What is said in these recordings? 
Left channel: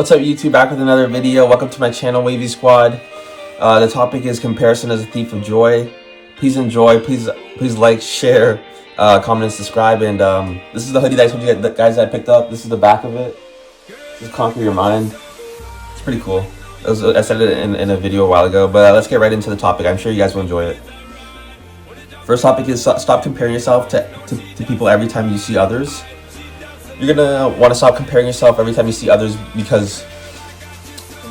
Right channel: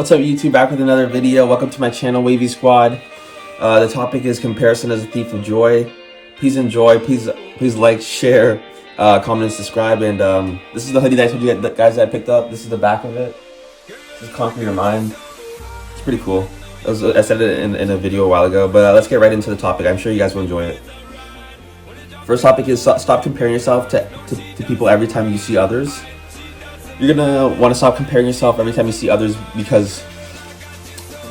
What's up, YouTube? Back with another video. Welcome to my channel, Wavy Squad. The topic is comparison as a thief of joy. Please enjoy. Please like, share, comment, and subscribe. And this is the hoodie that I told you guys that I picked up. This is the back of it. This is Conquer Your Mind. It's pretty cool. I said it in a video a while ago, but let's get right into the topic. I'm sure you guys will enjoy it. First topic is stop comparing yourself to people every time you see others. You're gonna want to stop comparing yourself every time you see others because,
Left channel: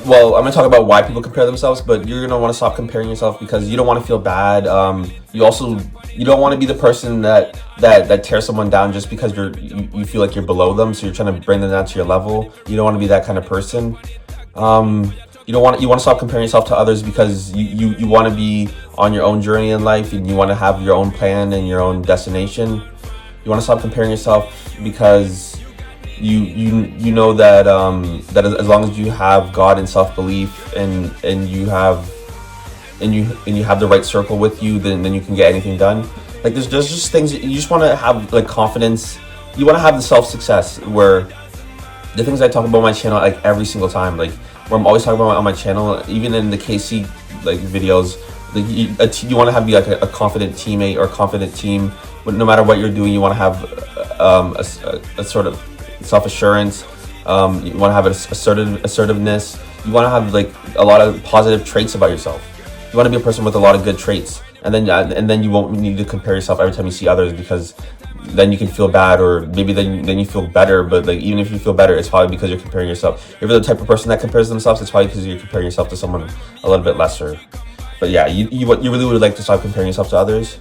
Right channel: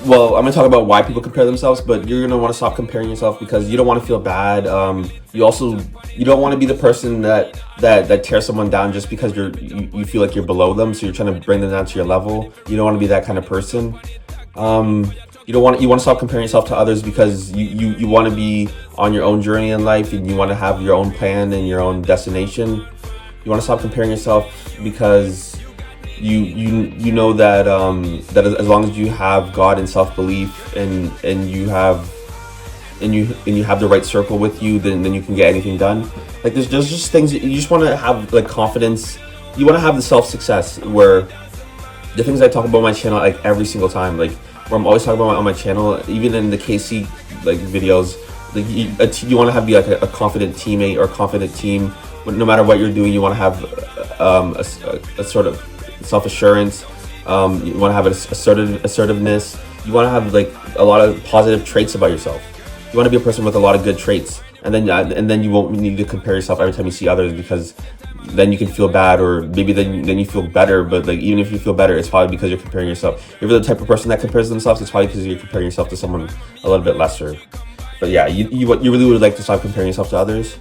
well, I'm gonna talk about why people compare themselves, but you're gonna want to stop comparing yourself because you don't want to feel bad. You don't want to be the person that tears someone down just because you feel like you're below them, so you're trying to bring them down to your level. You don't want to be that kind of person. You want to stop comparing yourself to others because you want to be on your own journey in life, and you want to have your own plan and your own destination. You want to stop comparing yourself because you know that that as long as you have God and self-belief and you have the right circle with you, then you can get anything done. Like there's just things you just want to have, like confidence. You want to have the self-success where the things I talk about on my channel, like every single time, like where I'm always talking about on my channel, even in the KC like videos, like you want to be like a confident teammate or confident team. No matter what you're doing, you want to have a sort of self-assurance. You want to have assertiveness. You want to have like a lot of positive traits about yourself. You want to be a person with a lot of good traits, and then you won't need to compare yourself every time you see others, because then you can feel bad, or maybe then you feel better. But like even if you feel better, it's probably because you're comparing yourself. If you're the type of person that compares themselves, it's probably because you're comparing yourself to someone a little bit lesser. But yeah, you really would like to stop comparing yourself to others,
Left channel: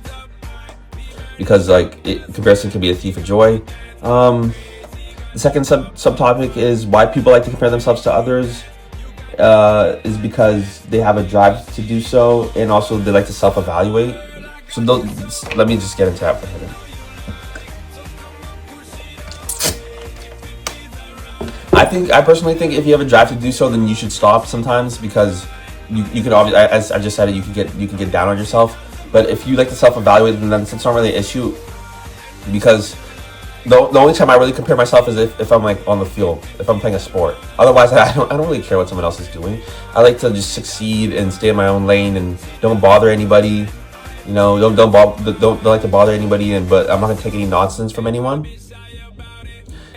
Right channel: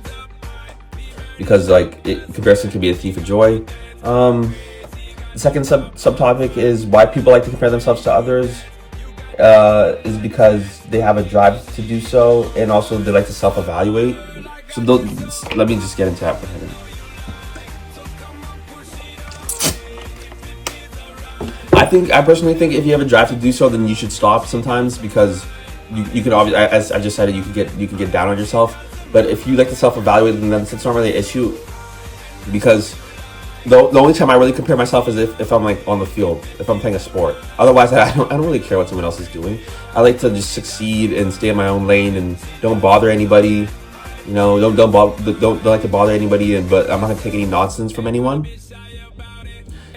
because like comparison can be a thief of joy. The second subtopic is why people like to compare themselves to others. Is because they have a drive to do so, and also they like to self-evaluate. So let me just get into that for a minute. I personally think if you have a drive to do so, then you should stop sometimes, because you can obviously, as I just said, you can get down on yourself. But if you like to self-evaluate, then it's not really an issue, because the only time I really compare myself is if I'm like on the field, if I'm playing a sport. Otherwise, I don't really care what someone else is doing. I like to just succeed and stay in my own lane and don't bother anybody. You know, don't like to bother anybody, but I'm not gonna take any nonsense from anyone.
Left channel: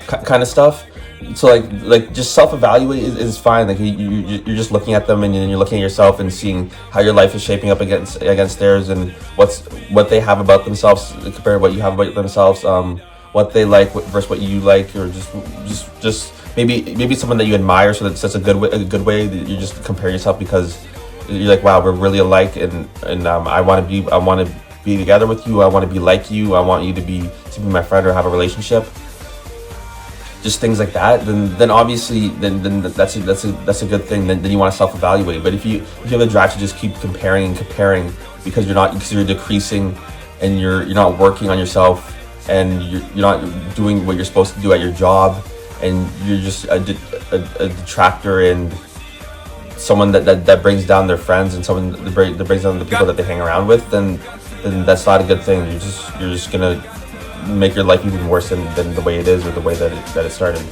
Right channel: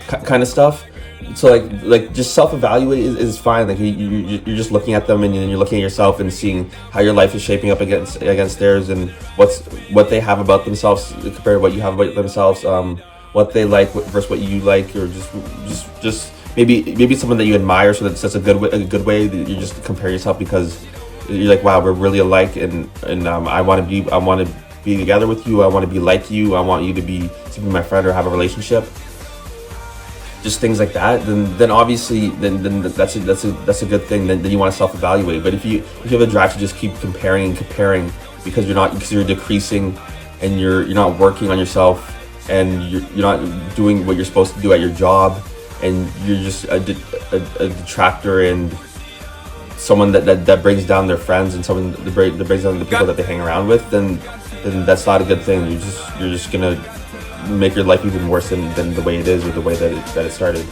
Kind of stuff. So like just self-evaluate is fine. Like you're just looking at them, and you're looking at yourself and seeing how your life is shaping up against theirs, and what they have about themselves compared to what you have about themselves. What they like versus what you like, or just maybe someone that you admire. So that's a good way that you just compare yourself, because you're like, wow, we're really alike, and I want to be together with you. I want to be like you. I want you to be my friend or have a relationship. Just things like that. Then obviously then that's a good thing. Then you want to self-evaluate. But if you have a drive to just keep comparing because you're decreasing, and you're not working on yourself, and you're not doing what you're supposed to do at your job, and you're just a detractor and someone that brings down their friends, and someone that brings down the people that they hang around with, then that's not a good thing. You're just gonna make your life even worse than the way it is, or the way that it started.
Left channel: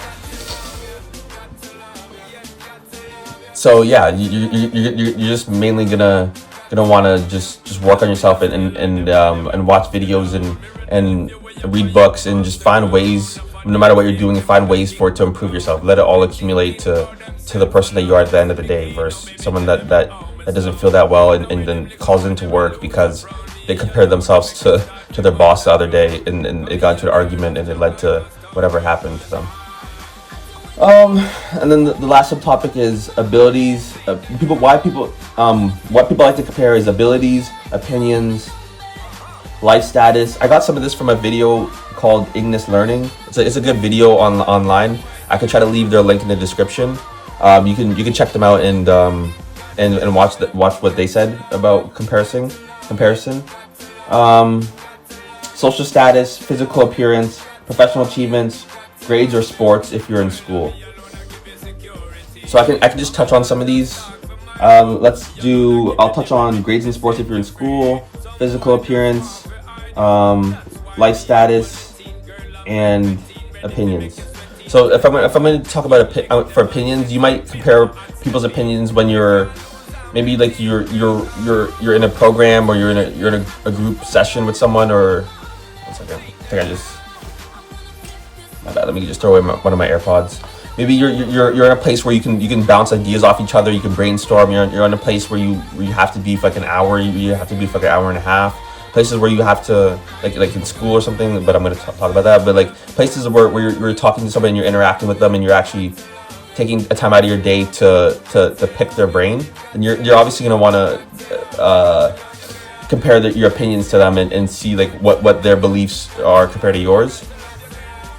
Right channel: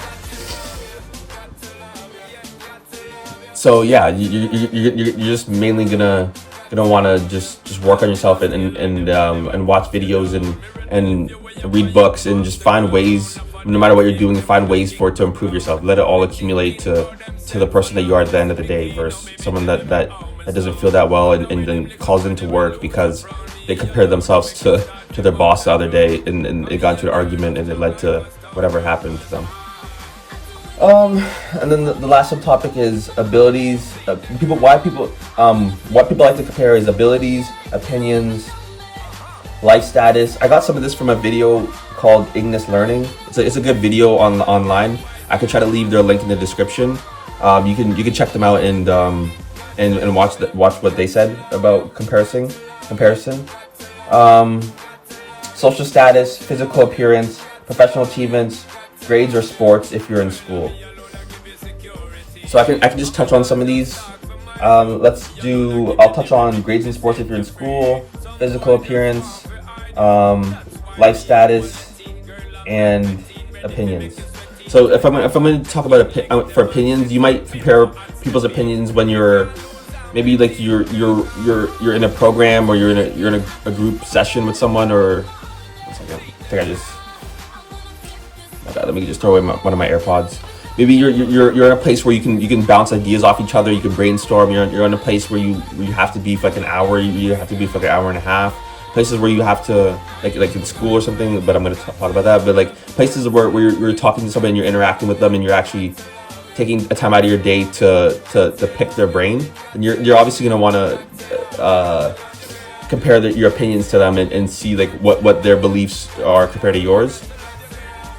So yeah, you're just mainly gonna want to just work on yourself and watch videos and read books, and just find ways, no matter what you're doing, find ways for it to improve yourself. Let it all accumulate to the person that you are at the end of the day, versus someone that doesn't feel that well and then calls into work because they compared themselves to their boss the other day, and it got into an argument, and it led to whatever happened to them. And then the last subtopic is abilities. What people like to compare is abilities, opinions, life status. I got some of this from a video called Ignis Learning. It's a good video online. I could try to leave their link in the description. You can check them out and watch what they said about comparison. Social status, physical appearance, professional achievements, grades or sports if you're in school. So I can just touch on some of these. I'll touch on grades and sports if you're in school, physical appearance, life status, and opinions. So if I'm going to talk about for opinions, you might compare people's opinions when you're maybe like you're in a program, or you're in a group session with someone, or one second, I think I just, my bad, let me just throw away one of my AirPods. Maybe you're in a place where you can bounce ideas off each other, you can brainstorm. You're in a place where you have to be for like an hour, you have to be for like an hour and a half. Places where you have to like in school or something, but I'm going to talk about that. But like places where you're talking to somebody and you're interacting with them, and you're actually taking a time out of your day to pick their brain, and you're obviously going to want to compare your opinions to them, and see like what their beliefs are compared to yours,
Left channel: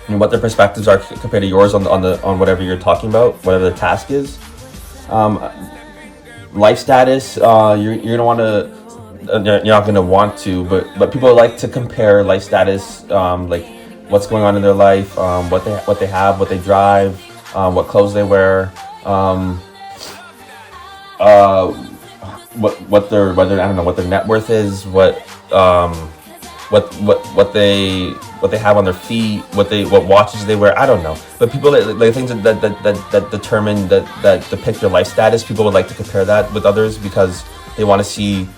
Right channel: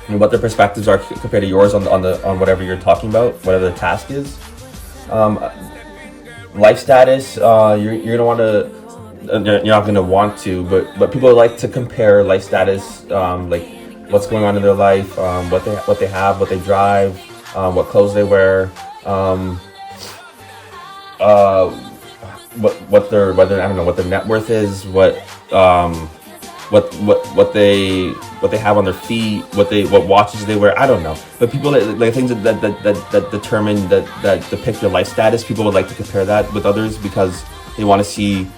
and what their perspectives are compared to yours on whatever you're talking about, whatever the task is. Life status, you're gonna want to, you're not gonna want to, but people like to compare life status, like what's going on in their life, what they have, what they drive, what clothes they wear, what their, whether, I don't know, what their net worth is, what they have on their feet, what watches they wear. I don't know, but people like things that determine that depict your life status. People would like to compare that with others because they want to see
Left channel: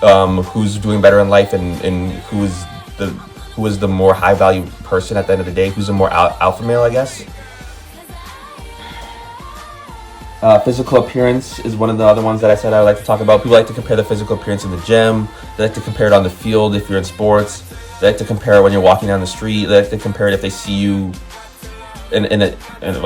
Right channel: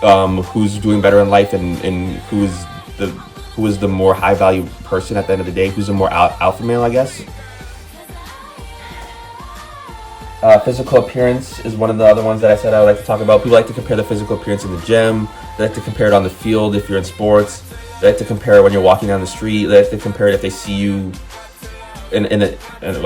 who's doing better in life, and who is the more high value person at the end of the day, who's the more alpha male, I guess. Physical appearance is one of the other ones that I said I would like to talk about. People like to compare the physical appearance in the gym. They like to compare it on the field if you're in sports. They like to compare it when you're walking down the street. They like to compare it if they see you in I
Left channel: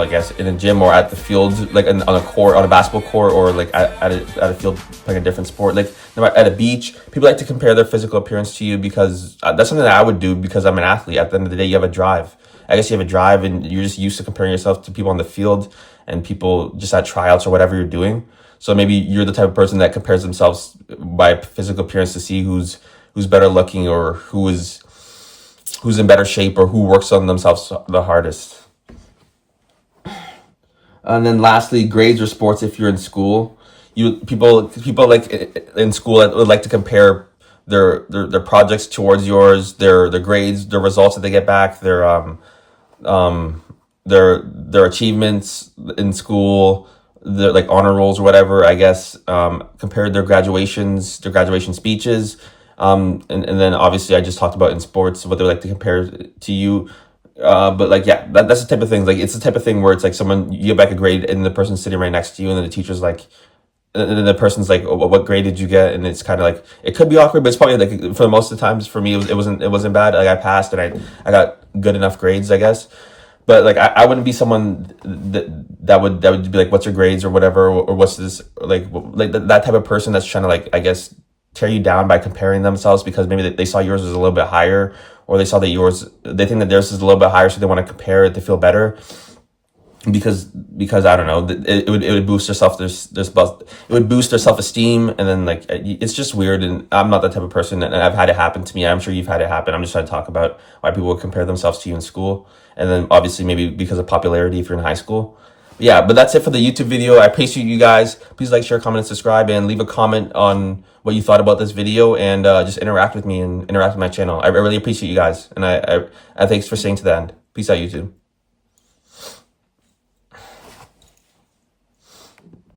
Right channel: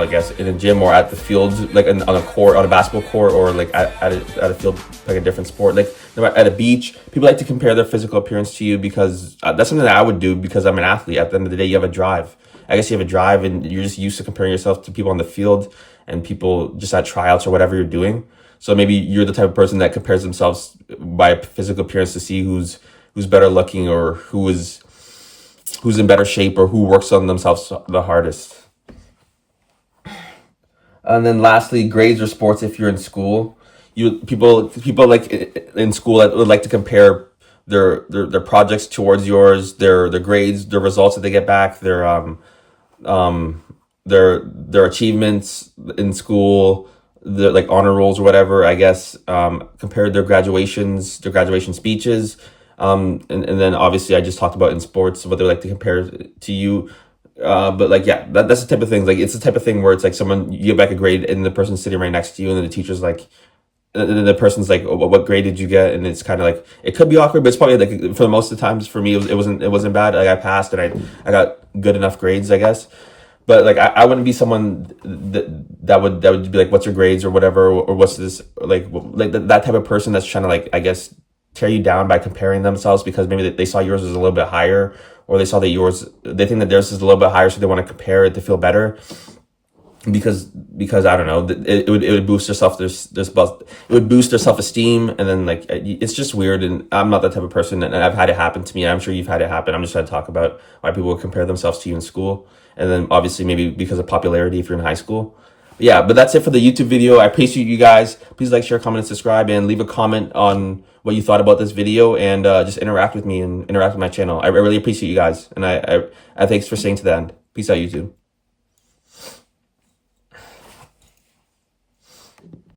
guess in a gym, or at the field, like on a court, on a basketball court, or like at a field, like a different sport, like at a beach. People like to compare their physical appearance to you because that's something that I would do, because I'm an athlete. At the end of the day, you have a drive. I guess you have a drive, and you're just used to comparing yourself to people on the field and people just at tryouts or whatever you're doing. So maybe you're the type of person that compares themselves by physical appearance to see who's better looking, or who's in better shape, or who works on themselves the hardest. And then lastly, grades or sports if you're in school. People like in school that would like to compare their projects towards yours, their grades, their results that they get back, their achievements in school, their like honor rolls or whatever, I guess, compared their graduation speeches. And then obviously I just talked about in sports what they like to compare to you. But like, yeah, that's the type of thing. Like, it's the type of thing where it's like someone, you get back a grade and the person's sitting right next to you, and then the teacher's like, and then the person's like, oh, what grade did you get? And it's kind of like, it could be awkward, but it's probably like, for the most of the times for me, it wasn't bad. Like, I passed, and I got good enough grades, I guess. But like, I wouldn't be someone that would be like, what's your grades or whatever, or what's this, like that type of person that's trying to, like, I guess, tear you down by comparing themselves because maybe they saw yours was a little bit higher, or they saw that they think that theirs is a little bit higher, so they want to compare it to feel better. Because I don't know, it would boost their self-esteem, and then like, it's just weird. And I'm not that type of person, and I've had it happen to me. I'm sure you've had it happen. I'm just trying to talk about why people would compare themselves to you in school, and then obviously maybe because of popularity if you're in high school. But yeah, but that's it for the YouTube video. I appreciate you guys. Please like, share, comment, and subscribe, and leave a comment on what you thought about this video, and just interact with me and interact with my channel. I really appreciate you guys, and I thanks for staying to the end. Peace out, YouTube.